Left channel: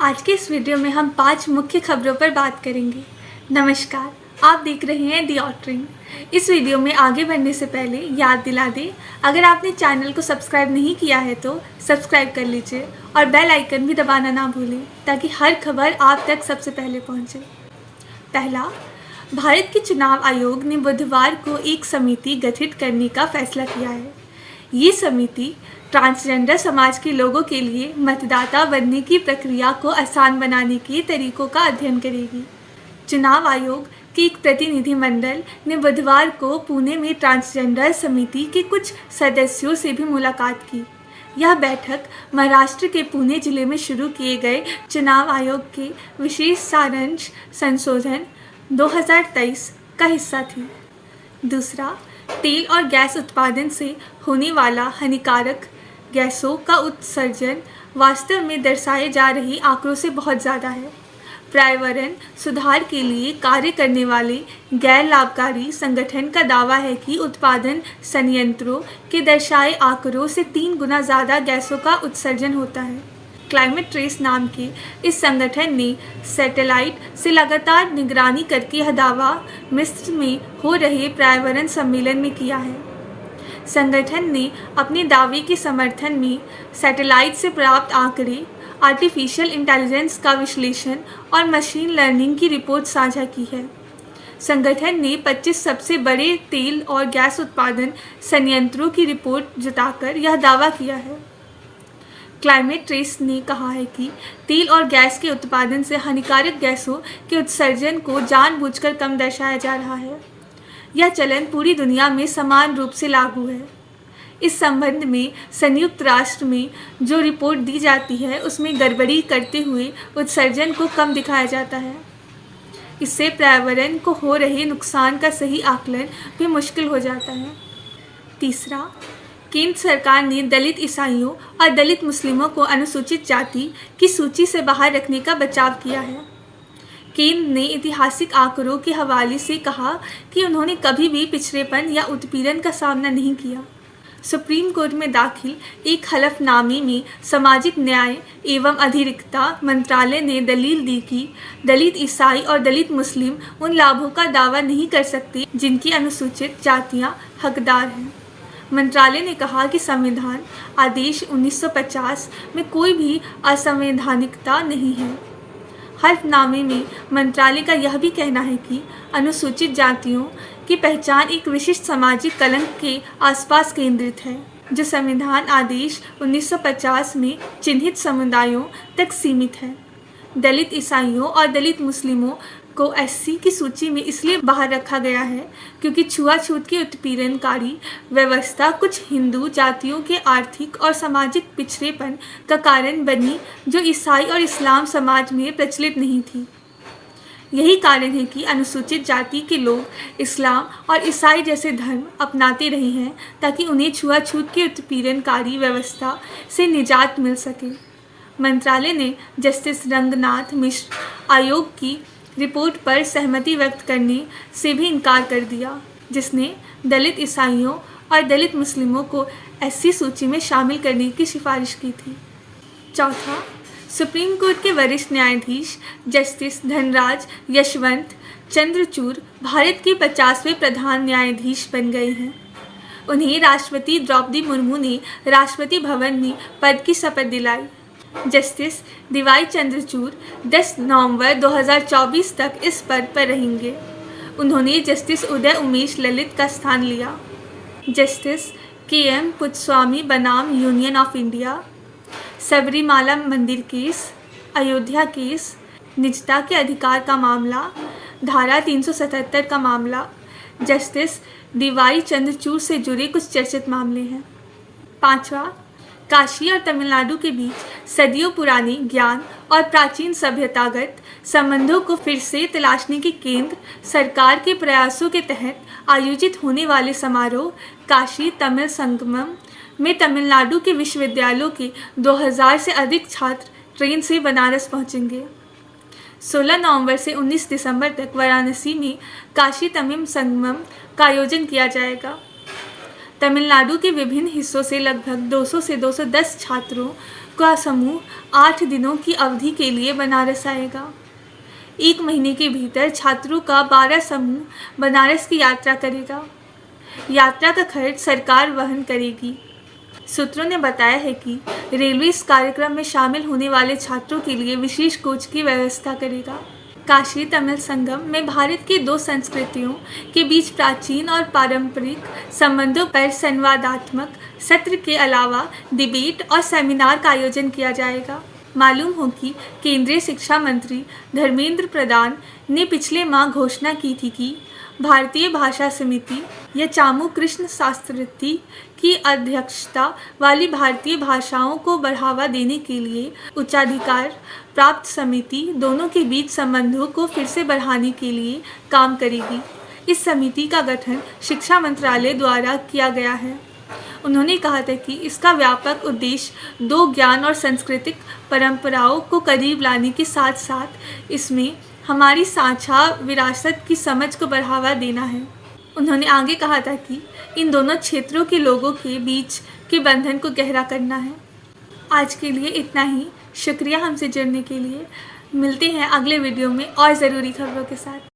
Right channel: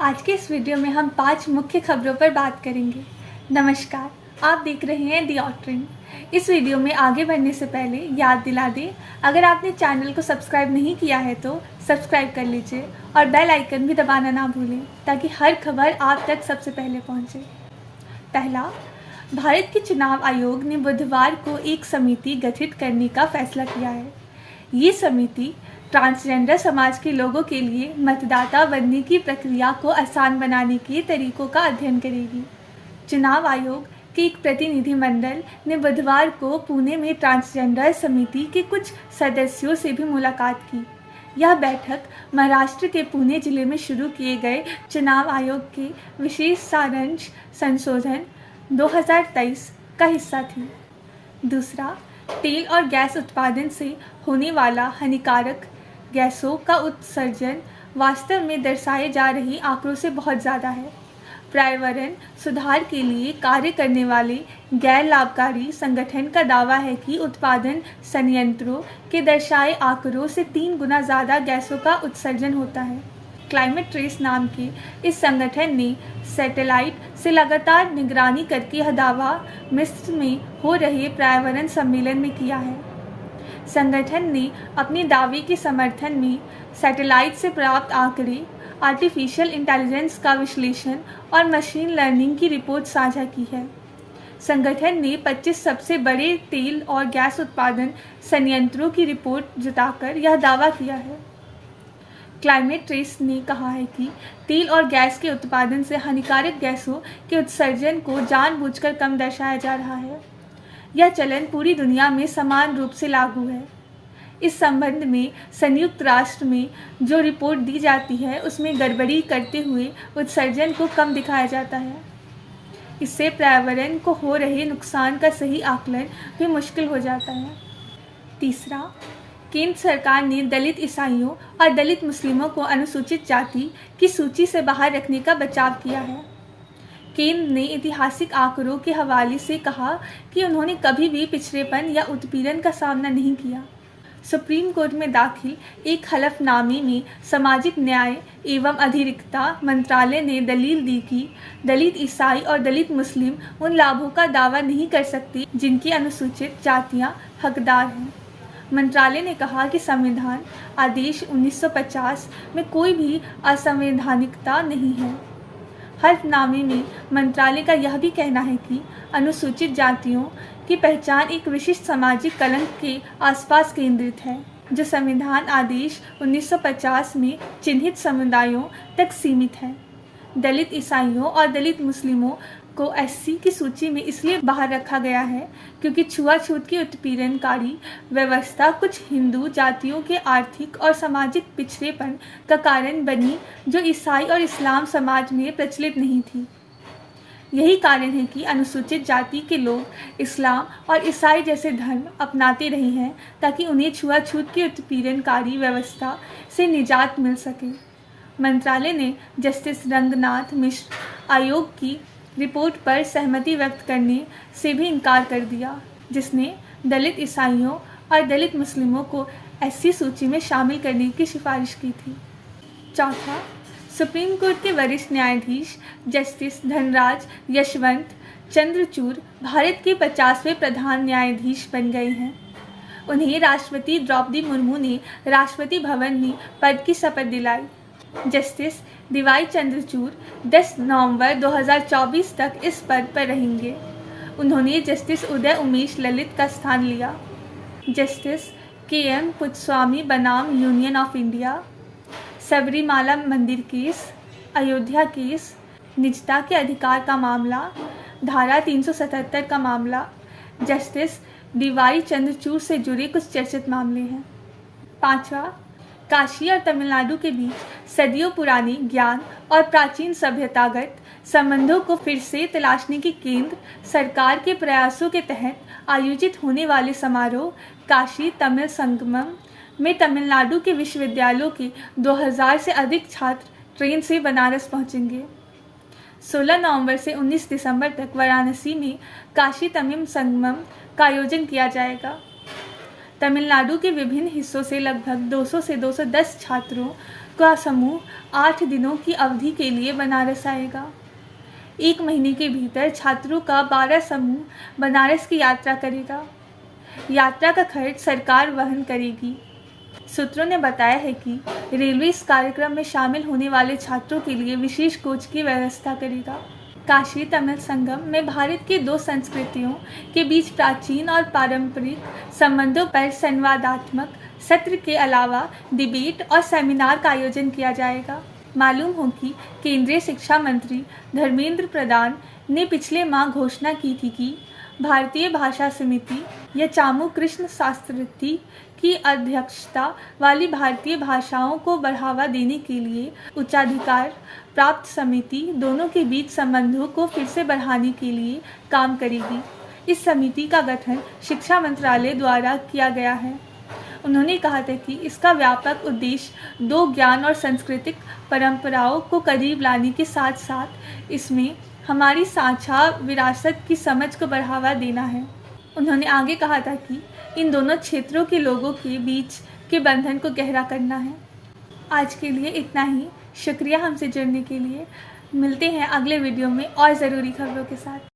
आज के इस वीडियो में हम 5 मुख्य खबरों पर बात करेंगे। नमस्कार, आप देख रहे हैं दी ऑटरिंग। इस वीडियो में आगे बढ़ने से पहले याद दिला दें, अगर आपने चैनल को सब्सक्राइब नहीं किया है तो सब्सक्राइब कर लीजिए और बेल आइकन भी दबाना ना भूलें ताकि हर खबर आप तक सबसे पहले पहुंचे। पहला, भारत के चुनाव आयोग ने बुधवार को एक समिति गठित करने का फैसला किया है। ये समिति ट्रांसजेंडर समाज के लोगों के लिए मतदाता बनने की प्रक्रिया को आसान बनाने के तरीकों का अध्ययन करेगी। चुनाव आयोग के एक प्रतिनिधिमंडल ने बुधवार को पुणे में ट्रांसजेंडर समिति के कुछ सदस्यों से भी मुलाकात की। यह बैठक महाराष्ट्र के पुणे जिले में शुरू किए गए चुनाव आयोग की विशेष सारांश संशोधन 2023 का हिस्सा थी। दूसरा, तेल और गैस उत्पादन से होने वाला हानिकारक गैसों का उत्सर्जन वास्तव में दर्शाए जा रहे आंकड़ों से बहुत ज़्यादा है। पर्यावरण सुधार के लिए कार्य करने वाले गैर लाभकारी संगठन का दावा है कि उत्पादन संयंत्रों के दर्शाए आंकड़ों से 3 गुना ज़्यादा गैसों का उत्सर्जन होता है। क्लाइमेट ट्रेस नाम की इस संगठन ने सैटेलाइट से लगातार निगरानी करके यह दावा मिस्र में हो रहे पर्यावरण सम्मेलन में किया है। संगठन ने अपने दावे के समर्थन में सैटेलाइट से प्राप्त आंकड़े, आर्टिफिशियल इंटेलिजेंस का विश्लेषण और मशीन लर्निंग की रिपोर्ट साझा की है। संगठन ने 25 सबसे बड़े तेल और गैस उत्पादन संयंत्रों की रिपोर्ट जुटाकर यह दावा किया है। क्लाइमेट ट्रेस ने कहा है कि तेल और गैस के उत्पादन से हानिकारक गैसों के उत्सर्जन को जानबूझकर कम दर्शाया जा रहा है। यह चलन पूरी दुनिया में समान रूप से लागू है। इस संबंध में संयुक्त राष्ट्र में जो रिपोर्ट दी जाती है उसमें गड़बड़ी करते हुए उत्सर्जन को कम दिखाया जाता है। इससे पर्यावरण को हो रहे नुकसान का सही आकलन भी मुश्किल हो जाता है। तीसरा, केंद्र सरकार ने दलित ईसाइयों और दलित मुस्लिमों को अनुसूचित जाति की सूची से बाहर रखने का बचाव किया है। केंद्र ने ऐतिहासिक आंकड़ों के हवाले से कहा कि उन्होंने कभी भी पिछड़ेपन या उत्पीड़न का सामना नहीं किया। सुप्रीम कोर्ट में दाखिल एक हलफनामे में सामाजिक न्याय एवं अधिकारिता मंत्रालय ने दलील दी कि दलित ईसाई और दलित मुस्लिम उन लाभों का दावा नहीं कर सकते जिनकी अनुसूचित जातियां हकदार हैं। मंत्रालय ने कहा कि संविधान आदेश 1950 में कोई भी असंवैधानिकता नहीं है। हलफनामे में मंत्रालय का यह भी कहना है कि अनुसूचित जातियों की पहचान एक विशिष्ट सामाजिक कलंक के आसपास केंद्रित है, जो संविधान आदेश 1950 में चिन्हित समुदायों तक सीमित है। दलित ईसाइयों और दलित मुस्लिमों को एससी की सूची में इसलिए बाहर रखा गया है क्योंकि छुआछूत की उत्पीड़नकारी व्यवस्था कुछ हिंदू जातियों के आर्थिक और सामाजिक पिछड़ेपन का कारण बनी, जो ईसाई और इस्लाम समाज में प्रचलित नहीं थी। यही कारण है कि अनुसूचित जाति के लोग इस्लाम और ईसाई जैसे धर्म अपनाते रहे हैं ताकि उन्हें छुआछूत की उत्पीड़नकारी व्यवस्था से निजात मिल सके। मंत्रालय ने जस्टिस रंगनाथ मिश्र आयोग की रिपोर्ट पर सहमति व्यक्त करने से भी इनकार कर दिया, जिसने दलित ईसाइयों और दलित मुस्लिमों को एससी सूची में शामिल करने की सिफारिश की थी। चौथा, सुप्रीम कोर्ट के वरिष्ठ न्यायाधीश जस्टिस धनराज यशवंत चंद्रचूड़ भारत के 50वें प्रधान न्यायाधीश बन गए हैं। उन्हें राष्ट्रपति द्रौपदी मुर्मू ने राष्ट्रपति भवन में पद की शपथ दिलाई। जस्टिस डीवाई चंद्रचूड़ 10 नवंबर 2024 तक इस पद पर रहेंगे। उन्होंने जस्टिस उदय उमेश ललित का स्थान लिया। Justice KM. पुत्स्वामी बनाम यूनियन ऑफ इंडिया, सबरीमाला मंदिर केस, अयोध्या केस, निजता के अधिकार का मामला, धारा 377 का मामला, जस्टिस डीवाई चंद्रचूड़ से जुड़े कुछ चर्चित मामले हैं। पांचवा, काशी और तमिलनाडु के बीच सदियों पुराने ज्ञान और प्राचीन सभ्यतागत संबंधों को फिर से तलाशने के केंद्र सरकार के प्रयासों के तहत आयोजित होने वाले समारोह काशी तमिल संगमम में तमिलनाडु के विश्वविद्यालयों के 2000 से अधिक छात्र ट्रेन से बनारस पहुंचेंगे। 16 नवंबर से 19 दिसंबर तक वाराणसी में काशी तमिल संगमम का आयोजन किया जाएगा। तमिलनाडु के विभिन्न हिस्सों से लगभग 200 से 210 छात्रों का समूह 8 दिनों की अवधि के लिए बनारस आएगा। 1 महीने के भीतर छात्रों का 12 समूह बनारस की यात्रा करेगा। यात्रा का खर्च सरकार वहन करेगी। सूत्रों ने बताया है कि रेलवे इस कार्यक्रम में शामिल होने वाले छात्रों के लिए विशेष कोच की व्यवस्था करेगा। काशी तमिल संगम में भारत की 2 संस्कृतियों के बीच प्राचीन और पारंपरिक संबंधों पर संवादात्मक सत्र के अलावा डिबेट और सेमिनार का आयोजन किया जाएगा। मालूम हो कि केंद्रीय शिक्षा मंत्री धर्मेंद्र प्रधान ने पिछले माह घोषणा की थी कि भारतीय भाषा समिति या चामू कृष्ण शास्त्री की अध्यक्षता वाली भारतीय भाषाओं को बढ़ावा देने के लिए उच्चाधिकार प्राप्त समिति दोनों के बीच संबंधों को फिर से बढ़ाने के लिए काम करेगी। इस समिति का गठन शिक्षा मंत्रालय द्वारा किया गया है। उन्होंने कहा था कि इसका व्यापक उद्देश्य 2 ज्ञान और सांस्कृतिक परंपराओं को करीब लाने के साथ साथ इसमें हमारी साझा विरासत की समझ को बढ़ावा देना है। उन्होंने आगे कहा था कि इन दोनों क्षेत्रों के लोगों के बीच के बंधन को गहरा करना है। आज के लिए इतना ही। शुक्रिया हमसे जुड़ने के लिए। मिलते हैं अगले वीडियो में और ज़रूरी खबरों के साथ।